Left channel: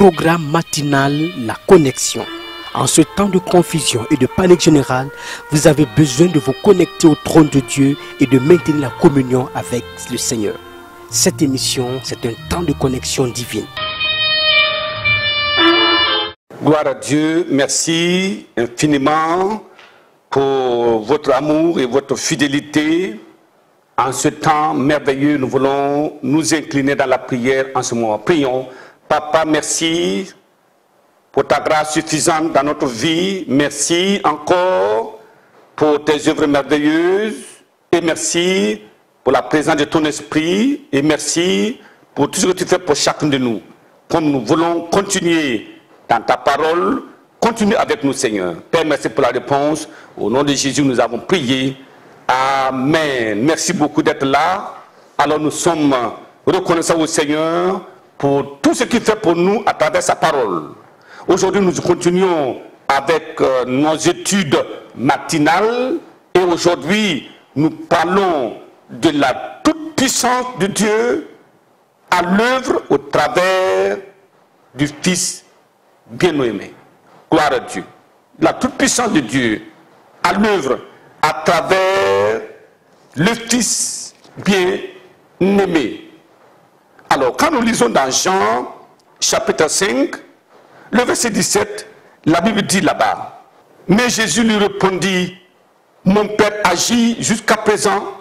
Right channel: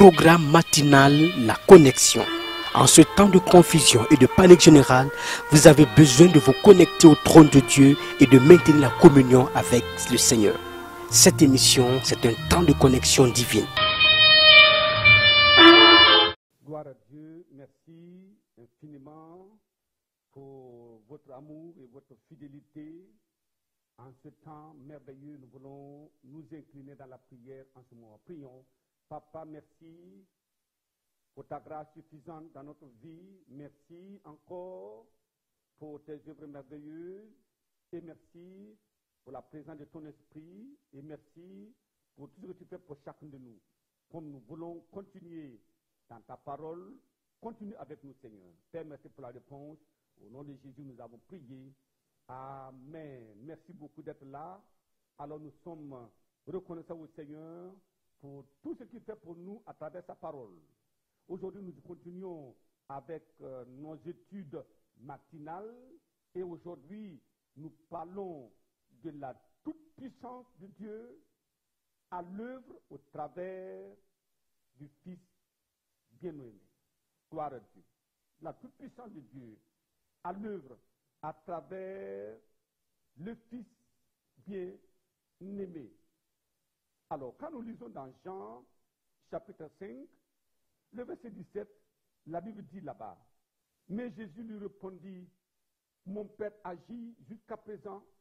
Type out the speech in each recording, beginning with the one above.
programme matinal La Connexion. En ce temps de confusion et de panique générale, vous avez besoin de vous connecter au trône de Dieu et de maintenir la communion avec le Seigneur. Cette émission, c'est un temps de connexion divine. Gloire à Dieu, merci infiniment pour votre amour et votre fidélité. En ce temps merveilleux, nous voulons nous incliner dans la prière en ce moment. Prions. Papa, merci pour ta grâce suffisante dans notre vie. Merci encore pour tes œuvres merveilleuses. Et merci pour la présence de ton esprit. Et merci pour tout ce que tu fais pour chacun de nous. Comme nous voulons continuer dans ta parole, continue avec nous, Seigneur. Père, merci pour la réponse. Au nom de Jésus, nous avons prié. Amen. Merci beaucoup d'être là. Alors nous sommes reconnaissants au Seigneur pour tout ce qu'il fait pour nous à travers sa parole. Aujourd'hui, nous continuons avec nos études matinales. Et aujourd'hui, nous parlons de la toute-puissance de Dieu à l'œuvre au travers du Fils bien-aimé. Gloire à Dieu. La toute-puissance de Dieu à l'œuvre à travers le Fils bien-aimé. Alors, quand nous lisons dans Jean, chapitre 5, le verset 17, la Bible dit là-bas, « Mais Jésus lui répondit, « Mon Père agit jusqu'à présent,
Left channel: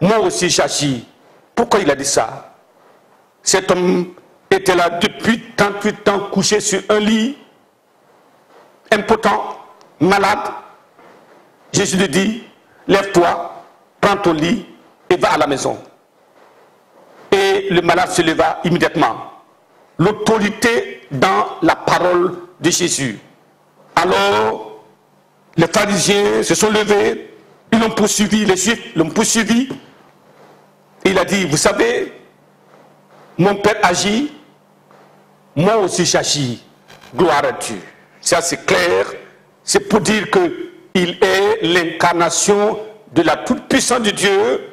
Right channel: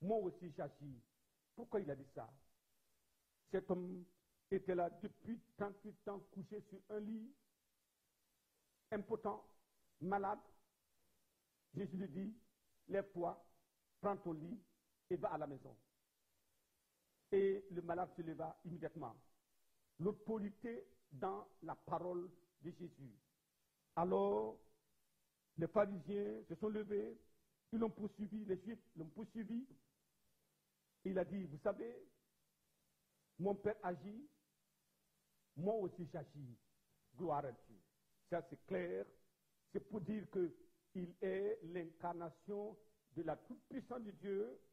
moi aussi j'agis. » Pourquoi il a dit ça? Cet homme était là depuis 38 ans, couché sur un lit, impotent, malade. Jésus lui dit, lève-toi, prends ton lit et va à la maison. Et le malade se leva immédiatement. L'autorité dans la parole de Jésus. Alors, les pharisiens se sont levés, ils l'ont poursuivi, les Juifs l'ont poursuivi. Il a dit, vous savez, mon Père agit, moi aussi j'agis. Gloire à Dieu. Ça c'est clair, c'est pour dire qu'il est l'incarnation de la toute-puissance de Dieu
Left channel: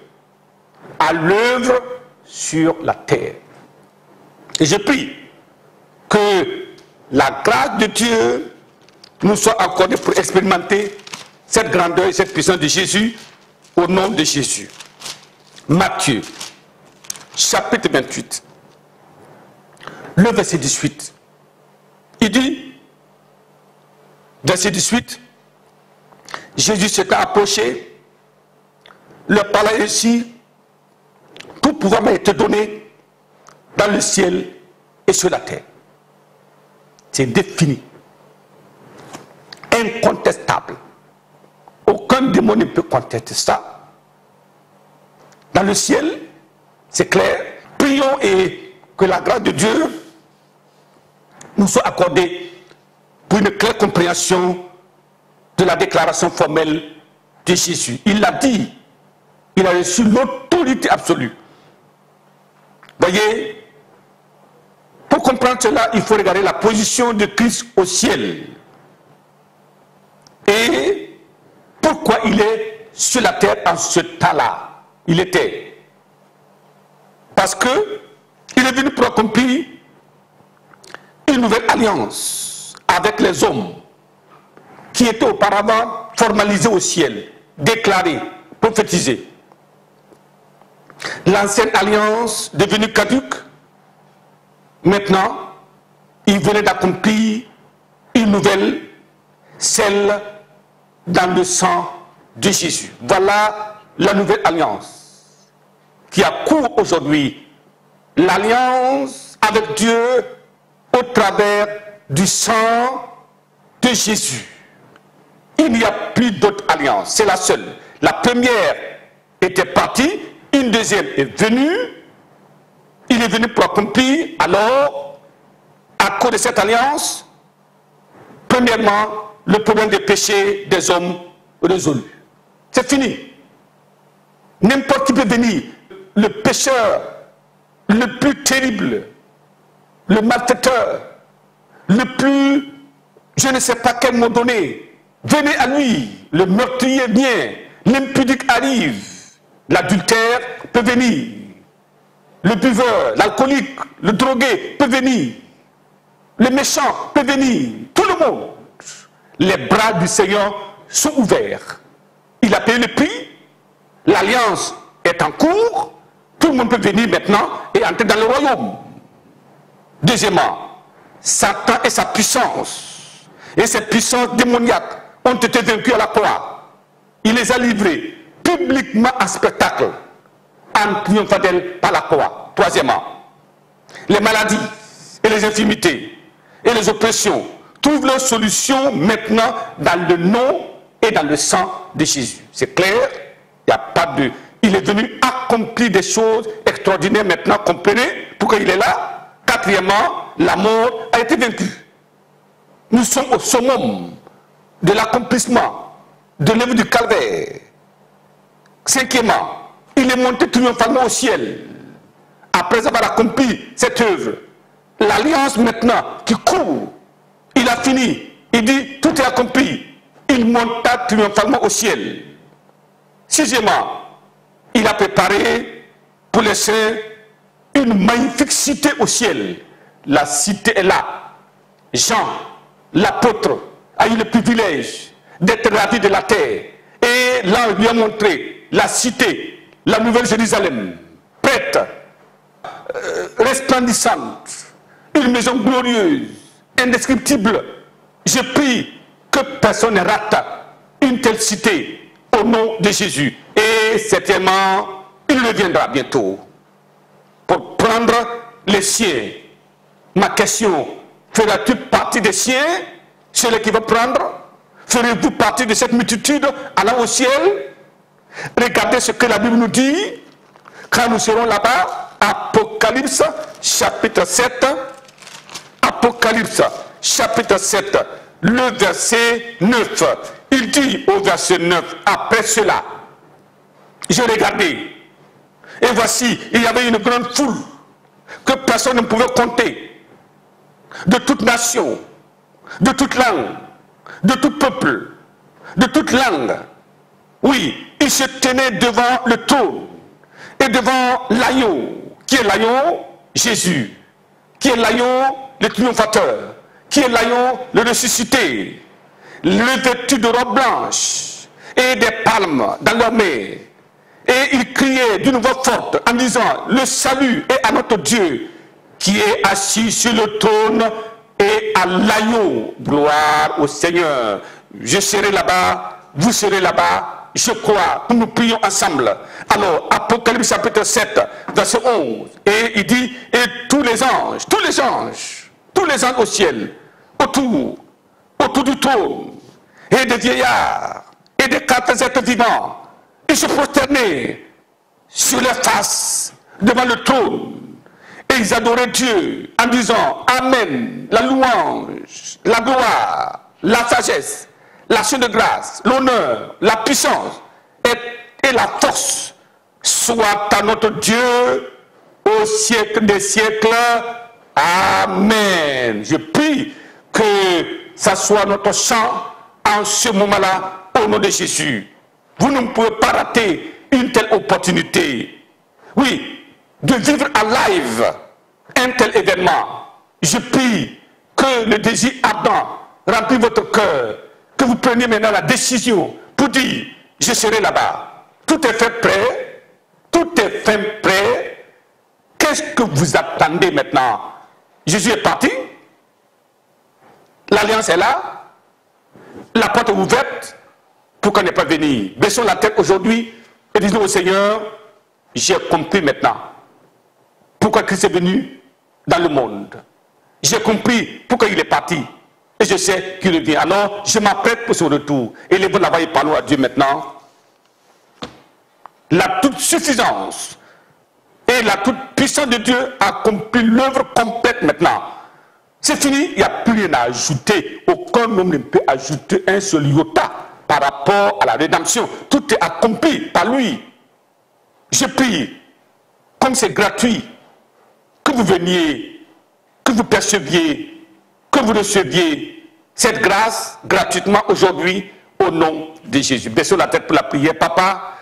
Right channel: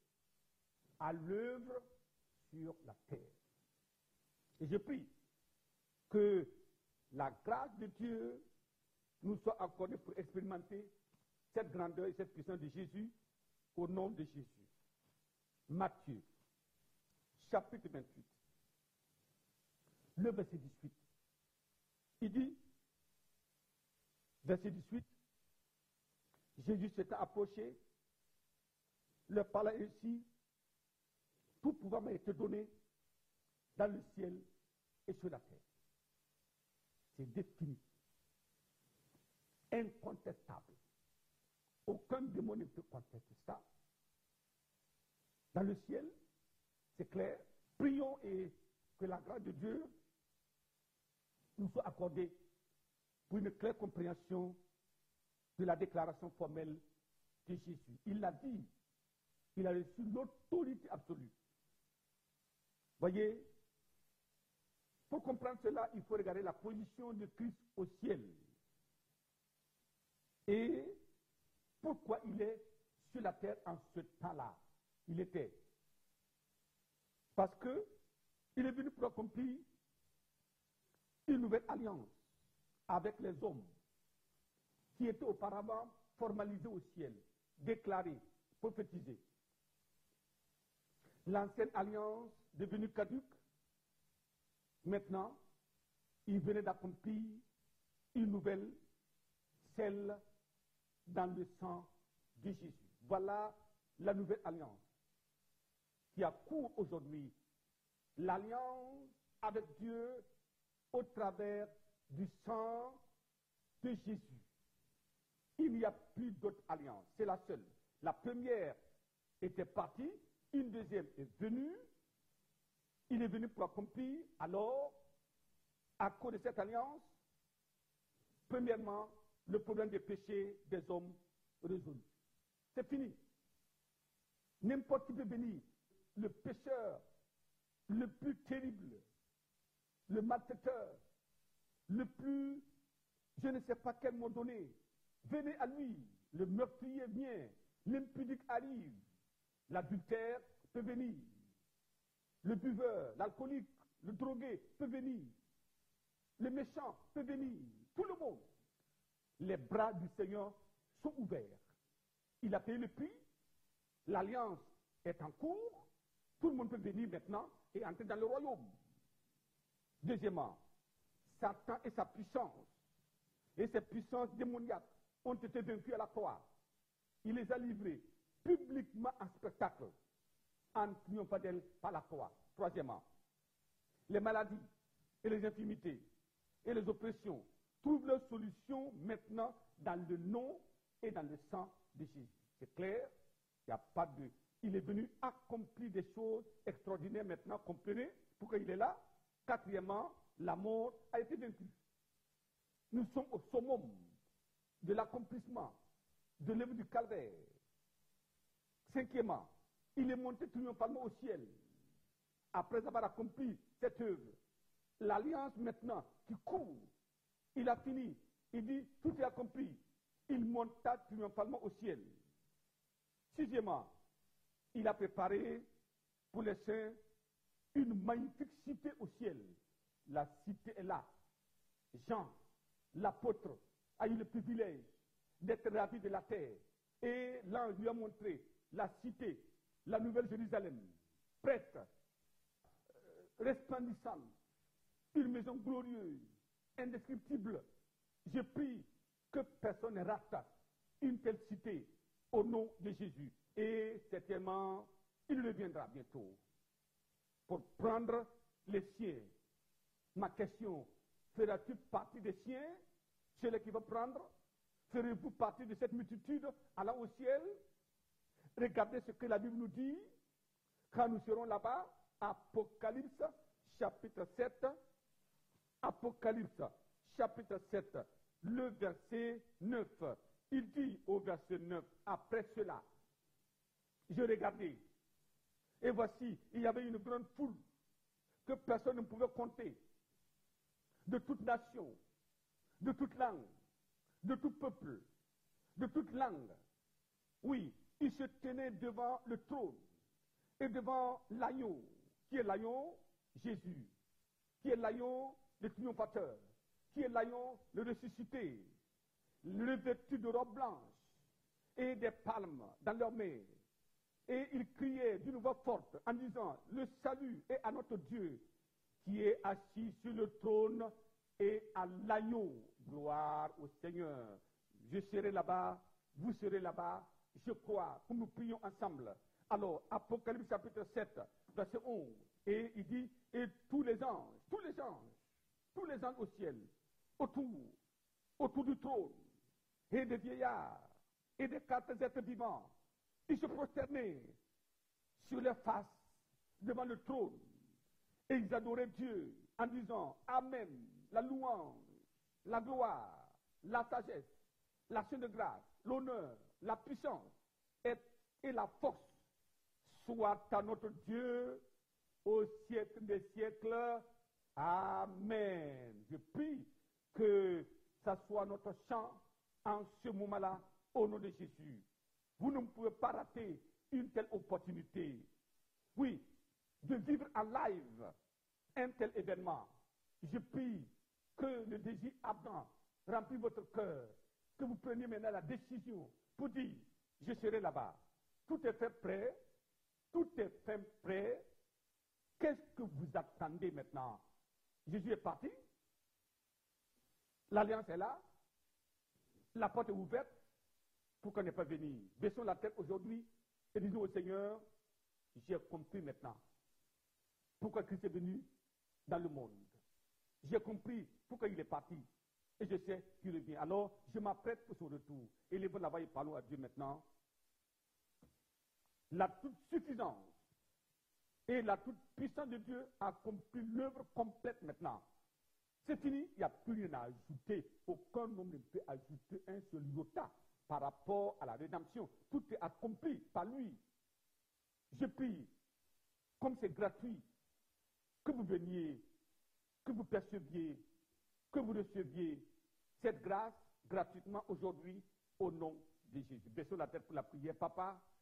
à l'œuvre sur la terre. Et je prie que la grâce de Dieu nous soit accordée pour expérimenter cette grandeur et cette puissance de Jésus au nom de Jésus. Matthieu, chapitre 28, le verset 18. Il dit, verset 18, Jésus s'est approché, leur parla ainsi, tout pouvoir m'a été donné dans le ciel et sur la terre. C'est défini, incontestable. Aucun démon ne peut contester ça. Dans le ciel, c'est clair. Prions et que la grâce de Dieu nous soit accordée pour une claire compréhension de la déclaration formelle de Jésus. Il l'a dit, il a reçu l'autorité absolue. Voyez, pour comprendre cela, il faut regarder la position de Christ au ciel. Et pourquoi il est sur la terre en ce temps-là. Il était. Parce que il est venu pour accomplir une nouvelle alliance avec les hommes qui étaient auparavant formalisés au ciel, déclarés, prophétisés. L'ancienne alliance devenue caduque, maintenant, il venait d'accomplir une nouvelle, celle dans le sang de Jésus. Voilà la nouvelle alliance qui a cours aujourd'hui. L'alliance avec Dieu au travers du sang de Jésus. Il n'y a plus d'autre alliance, c'est la seule. La première était partie, une deuxième est venue. Il est venu pour accomplir, alors, à cause de cette alliance, premièrement, le problème des péchés des hommes résolu. C'est fini. N'importe qui peut venir. Le pécheur le plus terrible, le malfaiteur, le plus, je ne sais pas quel mot donner, venez à lui. Le meurtrier vient, l'impudique arrive, l'adultère peut venir, le buveur, l'alcoolique, le drogué peut venir. les méchants peuvent venir, tout le monde. Les bras du Seigneur sont ouverts. Il a payé le prix, l'alliance est en cours, tout le monde peut venir maintenant et entrer dans le royaume. Deuxièmement, Satan et sa puissance, et ses puissances démoniaques ont été vaincus à la croix. Il les a livrés publiquement en spectacle, en triomphant d'elle par la croix. Troisièmement, les maladies et les infirmités et les oppressions trouvent leur solution maintenant dans le nom et dans le sang de Jésus. C'est clair, il n'y a pas de... Il est venu accomplir des choses extraordinaires maintenant, comprenez, pourquoi il est là. Quatrièmement, la mort a été vaincue. Nous sommes au summum de l'accomplissement de l'œuvre du calvaire. Cinquièmement, il est monté triomphalement au ciel. Après avoir accompli cette œuvre, l'alliance maintenant qui court, il a fini. Il dit, tout est accompli. Il monta triomphalement au ciel. Sixièmement, il a préparé pour les saints une magnifique cité au ciel. La cité est là. Jean, l'apôtre, a eu le privilège d'être ravi de la terre. Et là, on lui a montré la cité, la nouvelle Jérusalem, prête, resplendissante, une maison glorieuse, indescriptible. Je prie que personne ne rate une telle cité au nom de Jésus. Et certainement, il reviendra bientôt pour prendre les siens. Ma question, feras-tu partie des siens, celui qui va prendre? Ferez-vous partie de cette multitude allant au ciel? Regardez ce que la Bible nous dit quand nous serons là-bas. Apocalypse chapitre 7. Apocalypse chapitre 7, le verset 9. Il dit au verset 9, après cela, j'ai regardé, et voici, il y avait une grande foule que personne ne pouvait compter, de toute nation, de toute langue, de tout peuple, de toute langue. Oui, ils se tenaient devant le trône et devant l'agneau. Qui est l'agneau? Jésus. Qui est l'agneau? Le triomphateur. Qui est l'agneau? Le ressuscité. Le vêtu de robe blanche et des palmes dans leurs mains. Et ils criaient d'une voix forte en disant, le salut est à notre Dieu qui est assis sur le trône et à l'agneau. Gloire au Seigneur. Je serai là-bas, vous serez là-bas. Je crois que nous prions ensemble. Alors, Apocalypse chapitre 7, verset 11. Et il dit, et tous les anges au ciel, autour du trône, et des vieillards, et des quatre êtres vivants, ils se prosternaient sur leur face devant le trône. Et ils adoraient Dieu en disant, Amen, la louange, la gloire, la sagesse, l'action de grâce, l'honneur, la puissance et la force soit à notre Dieu au siècle des siècles. Amen. Je prie que ça soit notre chant en ce moment-là au nom de Jésus. Vous ne pouvez pas rater une telle opportunité. Oui, de vivre en live un tel événement. Je prie que le désir ardent remplisse votre cœur. Que vous preniez maintenant la décision pour dire, je serai là-bas. Tout est fait prêt. Tout est fait prêt. Qu'est-ce que vous attendez maintenant? Jésus est parti. L'alliance est là. La porte est ouverte. Pourquoi ne pas venir? Baissons la tête aujourd'hui et disons au Seigneur, j'ai compris maintenant pourquoi Christ est venu dans le monde. J'ai compris pourquoi il est parti. Et je sais qu'il revient. Alors, je m'apprête pour son retour. Élevons la voix et parlons à Dieu maintenant. La toute suffisance et la toute puissance de Dieu accomplit l'œuvre complète maintenant. C'est fini, il n'y a plus rien à ajouter. Aucun homme ne peut ajouter un seul iota par rapport à la rédemption. Tout est accompli par lui. Je prie, comme c'est gratuit, que vous veniez, que vous perceviez, que vous receviez cette grâce gratuitement aujourd'hui au nom de Jésus. Baissons la tête pour la prière. Papa,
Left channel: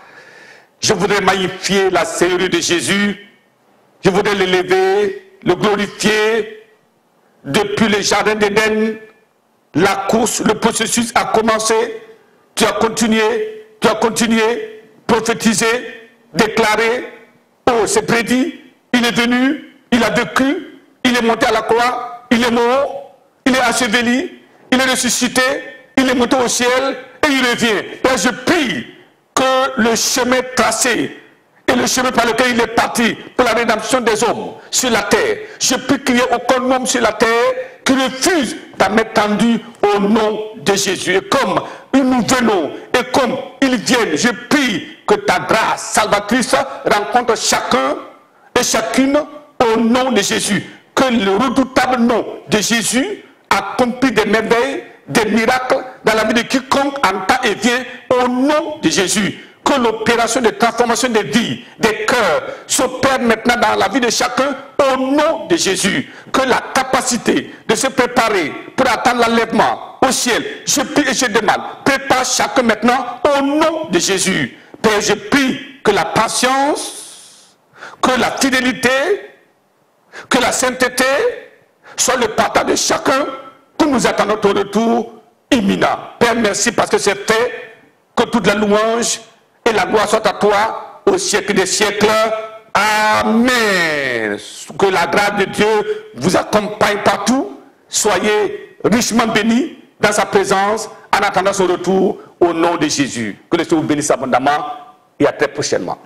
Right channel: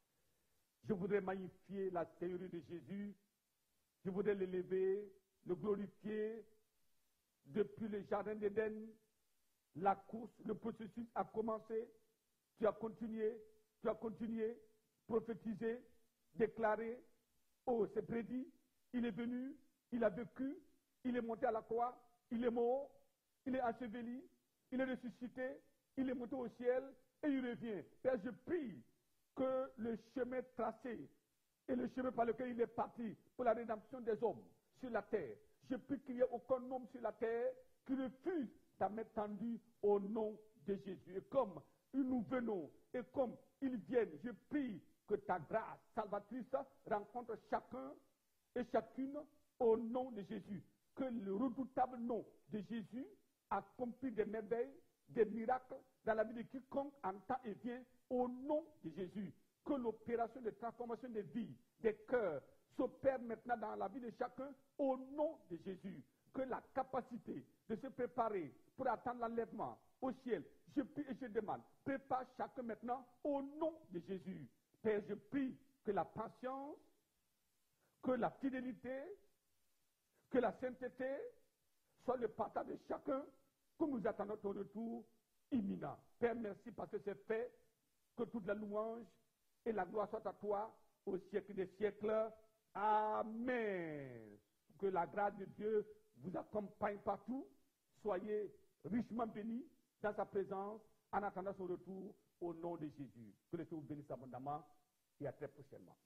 je voudrais magnifier la Seigneurie de Jésus. Je voudrais l'élever, le glorifier depuis le jardin d'Éden, la course, le processus a commencé. Tu as continué, prophétisé, déclaré. Oh, c'est prédit, il est venu, il a vécu, il est monté à la croix, il est mort, il est enseveli, il est ressuscité, il est monté au ciel et il revient. Père, je prie que le chemin tracé et le chemin par lequel il est parti pour la rédemption des hommes sur la terre, je prie qu'il n'y ait aucun homme sur la terre qui refuse ta main tendue au nom de Jésus. Et comme nous venons et comme ils viennent, je prie que ta grâce salvatrice rencontre chacun et chacune au nom de Jésus. Que le redoutable nom de Jésus accomplit des merveilles, des miracles dans la vie de quiconque entend et vient au nom de Jésus. Que l'opération de transformation des vies, des cœurs, s'opère maintenant dans la vie de chacun au nom de Jésus. Que la capacité de se préparer pour attendre l'enlèvement au ciel, je prie et je demande, prépare chacun maintenant au nom de Jésus. Père, je prie que la patience, que la fidélité, que la sainteté soit le partage de chacun pour nous attendre ton retour imminent. Père, merci parce que c'est fait. Que toute la louange et la gloire soient à toi au siècle des siècles. Amen. Que la grâce de Dieu vous accompagne partout. Soyez richement bénis dans sa présence en attendant son retour au nom de Jésus. Que le Seigneur vous bénisse abondamment et à très prochainement.